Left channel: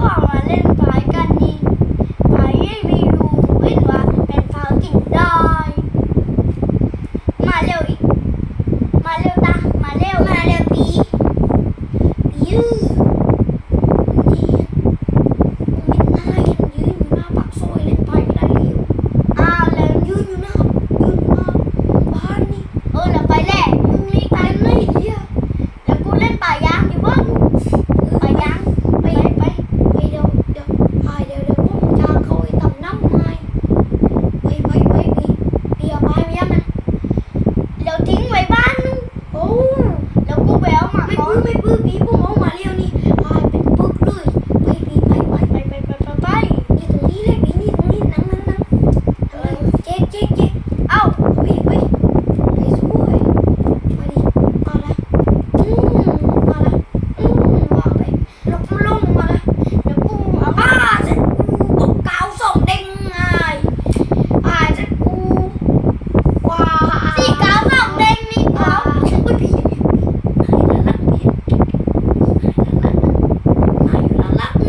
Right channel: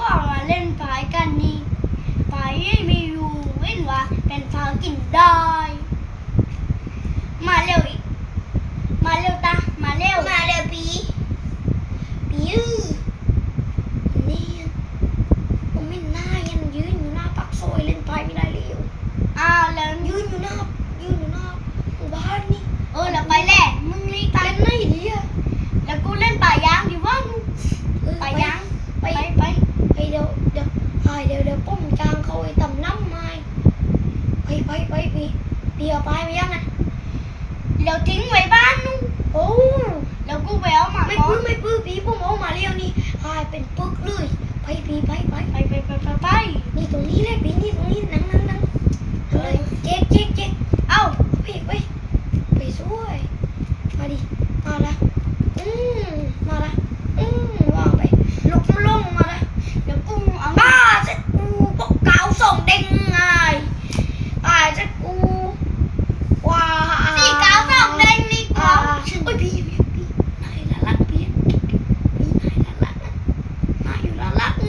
ก็มาเล่นปายกันนี่ปไฟไม่รู้วิ่งว่าเป็นไากินได้ มาเร็วอีก มาเร็วตา มาเร็ว มาเร็วปีปี all my blue people, all my.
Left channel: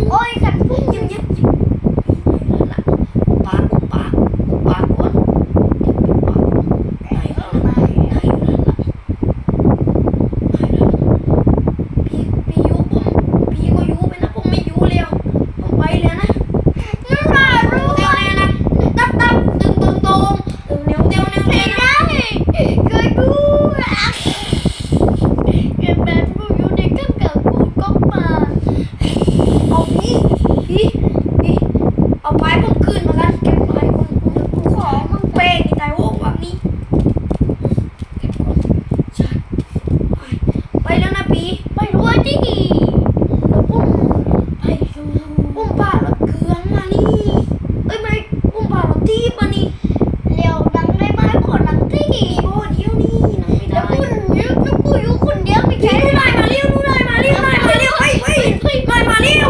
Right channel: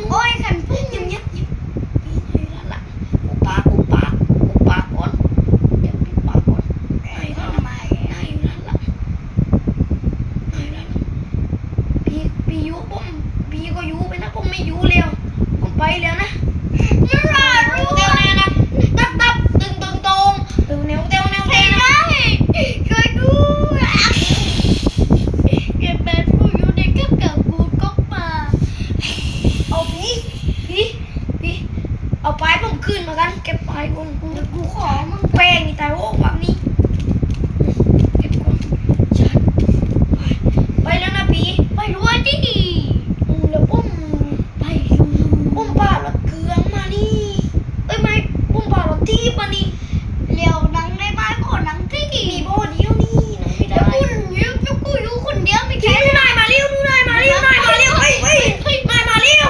โอ้ยขันพุ่งยิ้มยิ้มยิ้มนี่ละอุปาอุปาอุปาก่อนเดี๋ยวอุปาก่อนไหนละไอ้ไหนละพี่พี่ยุผมพี่ก็ยุไปนะผมไม่ยุแล้วผมไปแล้วนะนี่ล่ะรู้เตียวเนี่ยนะตับตับตึงตึงตรงตึงเนียวเตียวเนียวเตียวนะช่วยด้วยเก็บแบนพวกอยู่ในกึ่งกับกูก็มา เอา นี่นี่นี่เอาไม้ผมขึ้นมากันเก็บไม้ผมกูกูขอมึงเป้งนี่ตายโอ้แบบนี้เก็บก่อนใช่ไปแล้วนะปีไปด้วยดิยวปุ้มไปอยู่ปุ้มป่ารถเครื่องมานี่เอ้ยไม่ปุ้มป่ารถทีบมานี่เร็วดังได้ไหมขอดังที่มีโบเดียวนี่นะเดี๋ยวคุณเดี๋ยวจะกูอยู่คนเดียวไม่แค่หน่อยมาเร็วหน่อยมาเร็วหน่อยมาเร็วเฮ้ยเฮ้ยเฮ้ยหน่อยมาเร็ว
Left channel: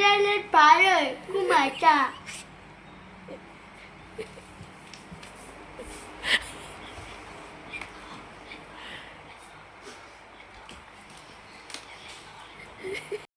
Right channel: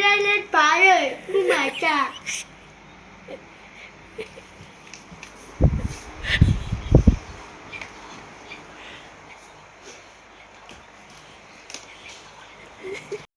เก็บแ